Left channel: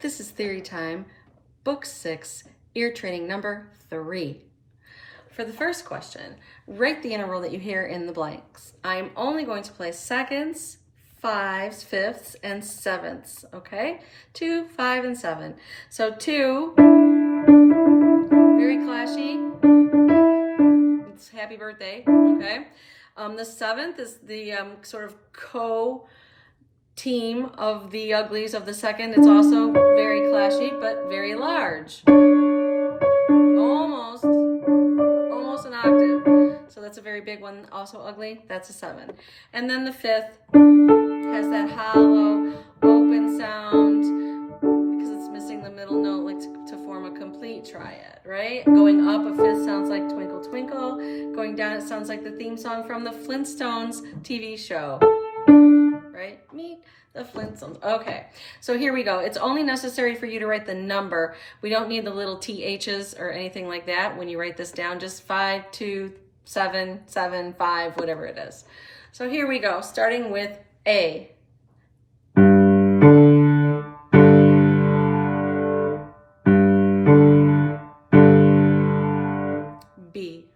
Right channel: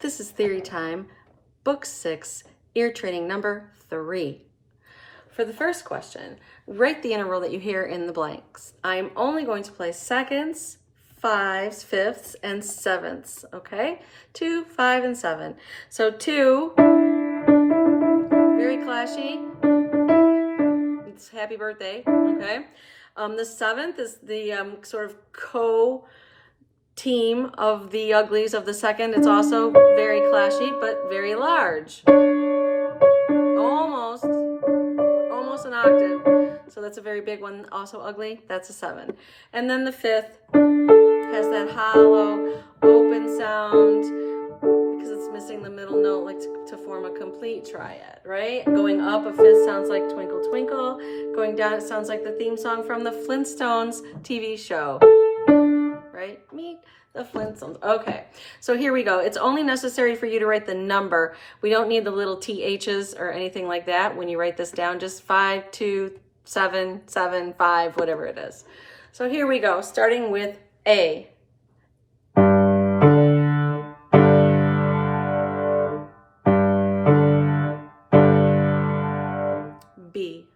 This is Theory Time, Book 6, Ear Training number 3. For the first question, write the interval that you hear in the blanks. I'm only going to play seconds, fives, fifths, and sevenths, okay? 2, 5, and 7. So 2, very clashy. It's happy birthday, okay? The 7th is the sort of co-team of the uglies of the 2nd. It's also very clashy, but very large. Almost an octave. So that's a very big one, also ugly. That's a 7. And then the 5th has that hollow, open sound because it's missing the middle note, like to form a complete triad, right? Going up, a 5th sounds like Twinkle Twinkle. Going down, it sounds like the theme song from the Flintstones TV show, right? Meet the Flintstones. Okay, so here we go. It's only necessary for you to write the number. We don't need the little THs or anything like that when you write this down. Just 5, 2, 7, 7, 5, whatever it is. So here we go, starting with A. B.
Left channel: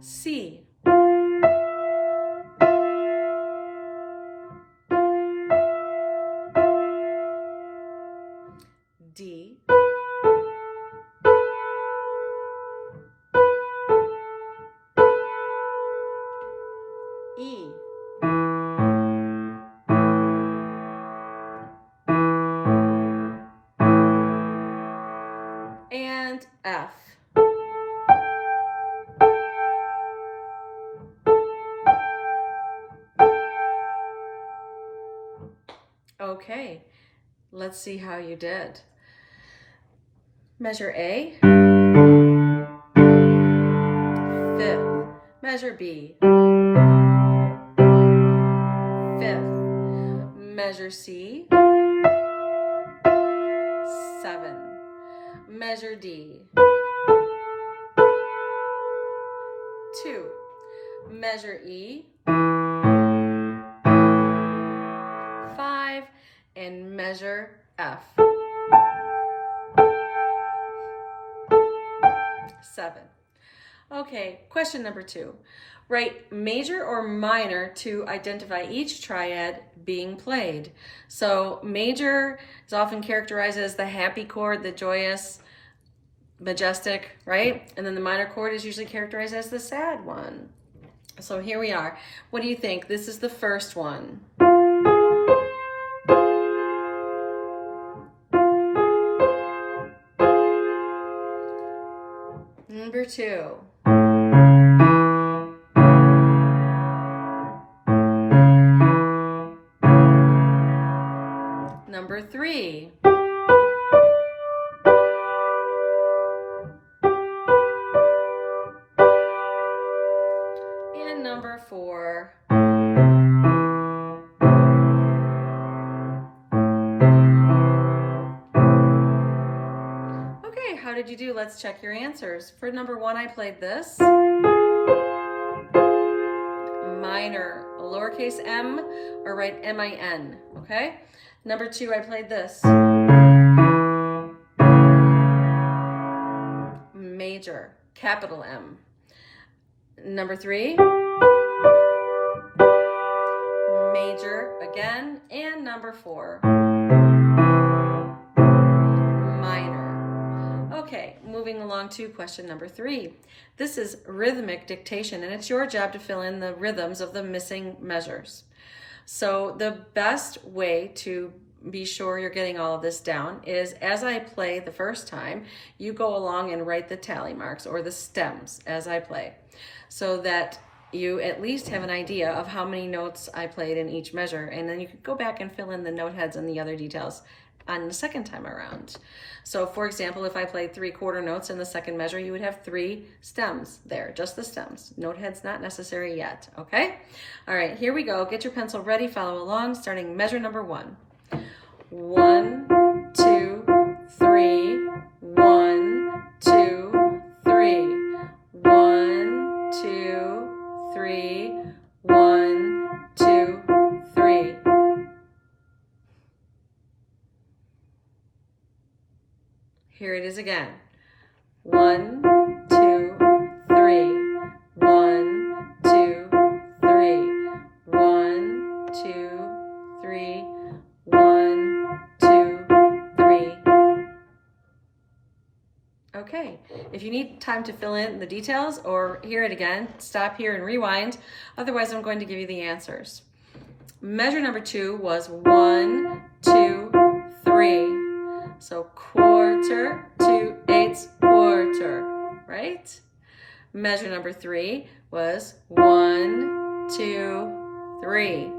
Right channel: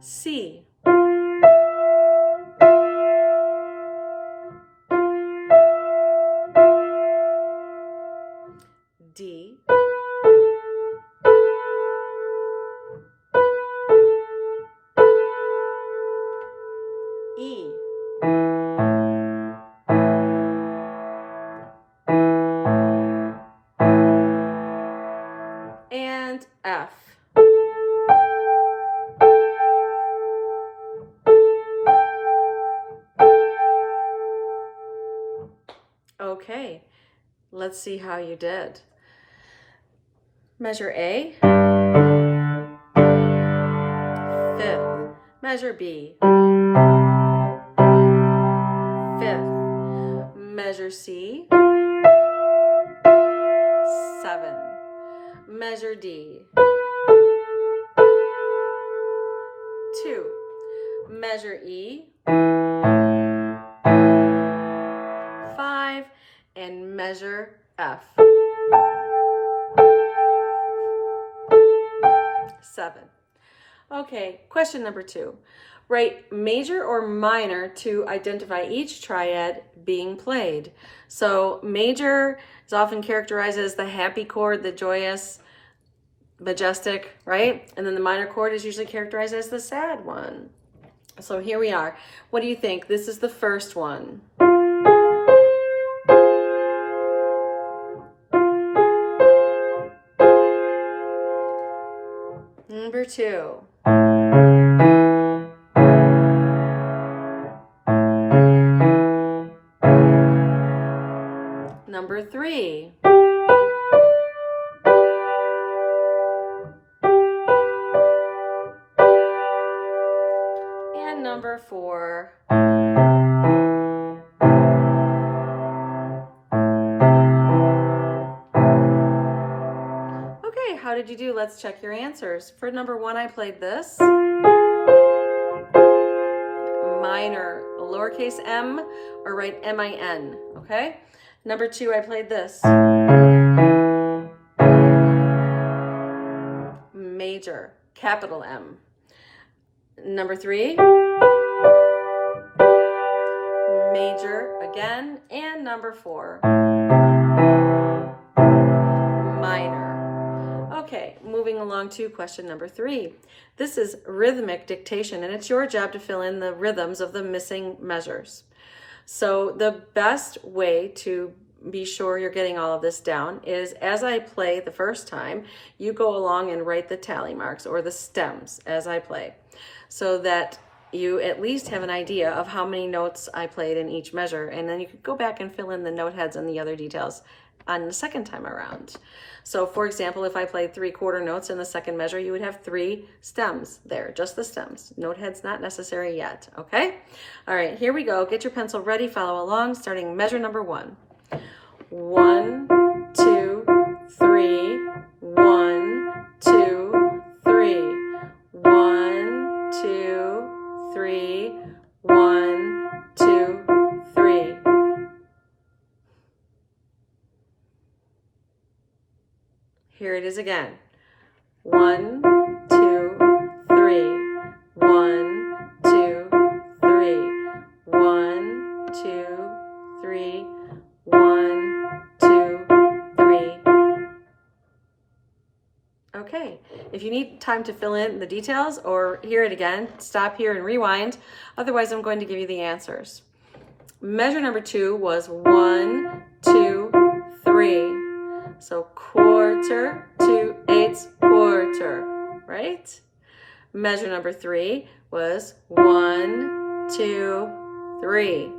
C. D. E. And F. Okay, let's see how you did. Measure A, 5th. Measure B, 5th. Measure C, 7. Measure D, 2. Measure E, 5. And measure F, 7. Okay, question number 2. Write major or minor to identify each triad being played. So major is often characterized as the happy chord, the joyous, majestic, right? And then the minor chord is usually characterized as the sad one. So here we are. What do you think? This is the first one. Number 2. Number 3. And number 4. Okay, how did you do? Let's check your answers. For number 1, I played this. Minor, lowercase m, or write M-I-N, okay? Number 2, I played this. Major, capital M. Number 3, major again. And number 4, minor. Okay, moving along to question number 3. This is rhythmic dictation, and it's your job to fill in the rhythms of the missing measures. So the best way to be sure you're getting all of this down is as I play the first time, you go along and write the tally marks or the stems as I play, so that you at least have an idea of how many notes I played in each measure, and then you could go back and fill in the note heads and the other details on the second time around. So for example, if I played 3/4 notes in the second measure, you would have 3 stems there, just the stems. Note heads not necessary yet, okay? All right, here we go. Get your pencil ready, follow along, starting measure number 1. 1, 2, 3, 1, 2, 3. 1, 2, 3, 1, 2, 3. Here it is again. 1, 2, 3. 1, 2, 3. 1, 2, 3. 1, 2, 3. Okay, if you need time to fill in the details or hear it again, stop here and rewind. Otherwise, I'm going to give you the answers. Measure number 2 was 1, 2, 3. So quarter, 2/8, quarter, right? Measure number 3 was 1, 2, 3,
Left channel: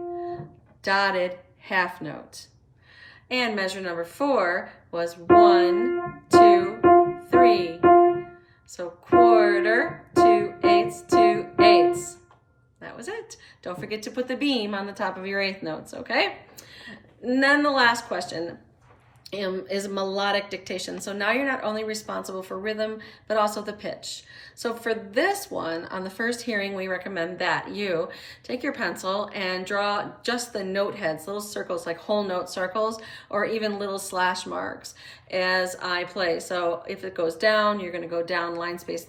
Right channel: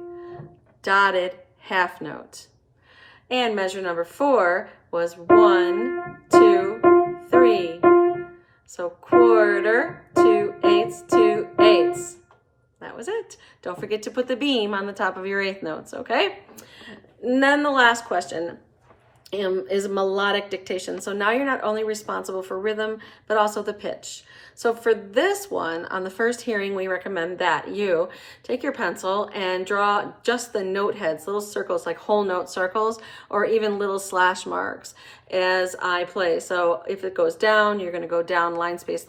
dotted half note. And measure number 4 was 1, 2, 3. So quarter, 2/8, 2/8. That was it. Don't forget to put the beam on the top of your eighth notes, okay? And then the last question is melodic dictation. So now you're not only responsible for rhythm, but also the pitch. So for this one, on the first hearing, we recommend that you take your pencil and draw just the note heads, little circles like whole note circles, or even little slash marks as I play. So if it goes down, you're going to go down, line space,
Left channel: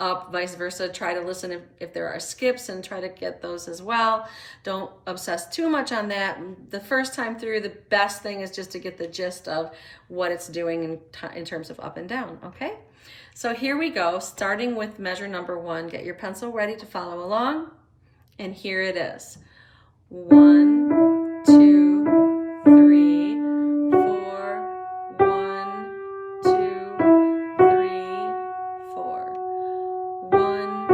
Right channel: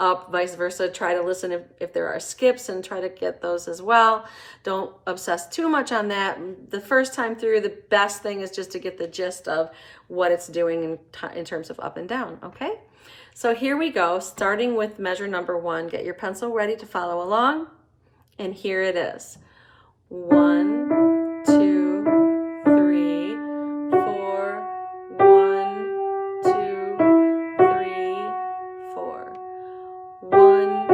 up, vice versa. Try to listen if there are skips and try to get those as well. Don't obsess too much on that. The first time through, the best thing is just to get the gist of what it's doing in terms of up and down, okay? So here we go, starting with measure number 1. Get your pencil ready to follow along, and here it is. 1, 2, 3, 4, 1, 2, 3, 4. 1,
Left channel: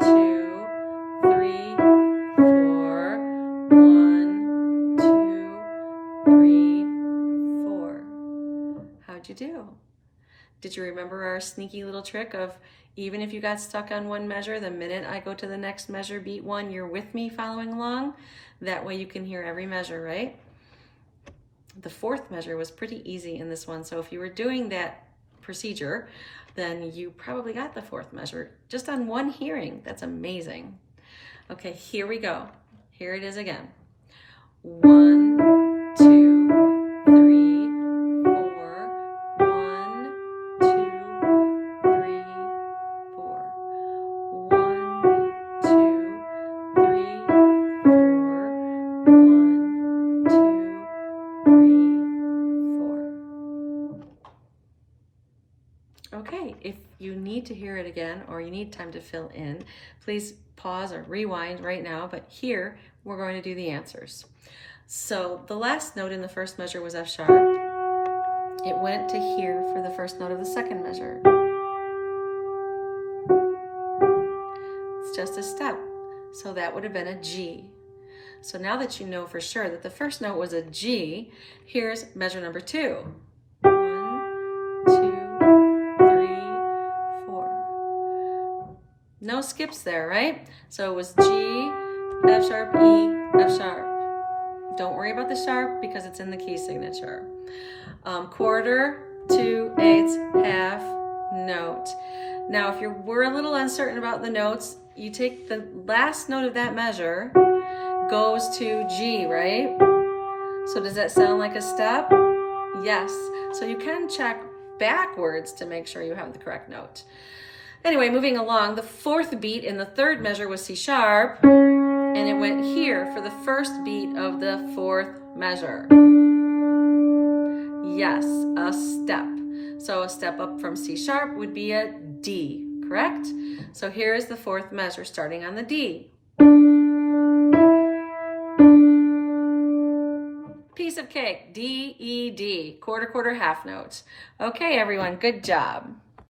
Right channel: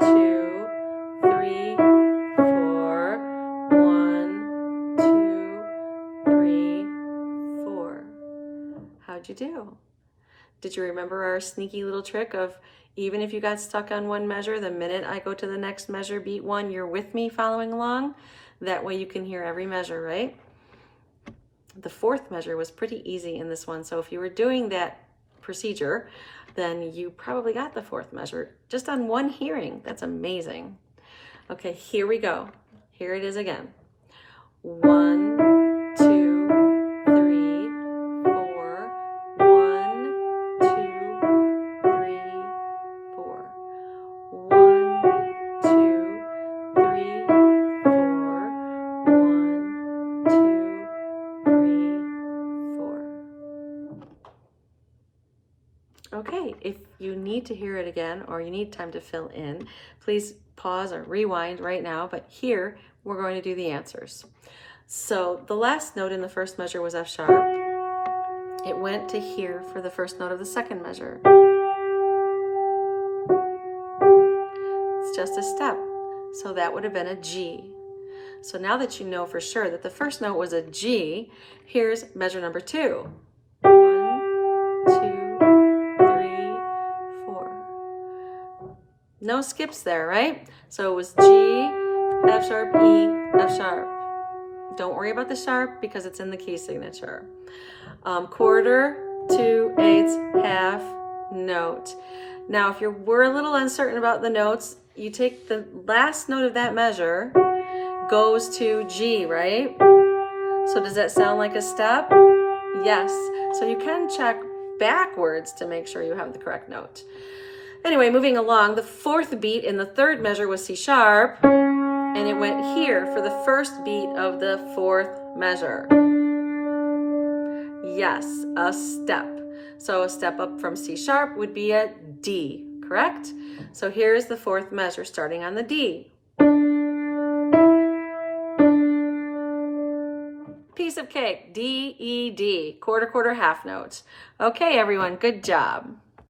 2, 3, 4. 1, 2, 3, 4. How'd you do? Did you remember our sneaky little trick of even if you got stuck on one measure, the minute I go to the next measure, beat 1, you're with me following along? That way you can hear every measure, right? The 4th measure was pretty easy in this one. So if you were doing that procedure, then you probably got the 4th measure just on one hearing. That's amazing. Okay, here we go. Here it is again. 1, 2, 3, 4. 1, 2, 3, 4. 1, 2, 3, 4. 1, 2, 3, 4. Okay, if you need to hear it again or you need time to fill in, please pause or rewind right now, but here we're going to do the answers. So the last note in the first measure was F sharp. It went to here for the first note of the second measure. It's just a step, so that would have been a G. So now that you know for sure that the first note was a G, here's measure number 2. 1, 2, 3, 4. No skips there, right? So it was G, F sharp, E, F sharp. Don't worry about the sharp because it's in the key signature. Quarter, 2/8, half note. Now, if you were a little uncertain about the notes, you take the last note of that measure, goes to G, right? So does that sound like a step? Yes. So you can check backwards to make sure you have the correct note. Anyway, moving along, the 4th beat in the 3rd measure was C sharp, and it went here for the first beat of the 4th measure. Yes, a step. So a step up from C sharp would be a D, correct? So here is the 4th measure starting on the D. Piece of cake, D, E, D, quarter, half note. Okay, everyone, good job.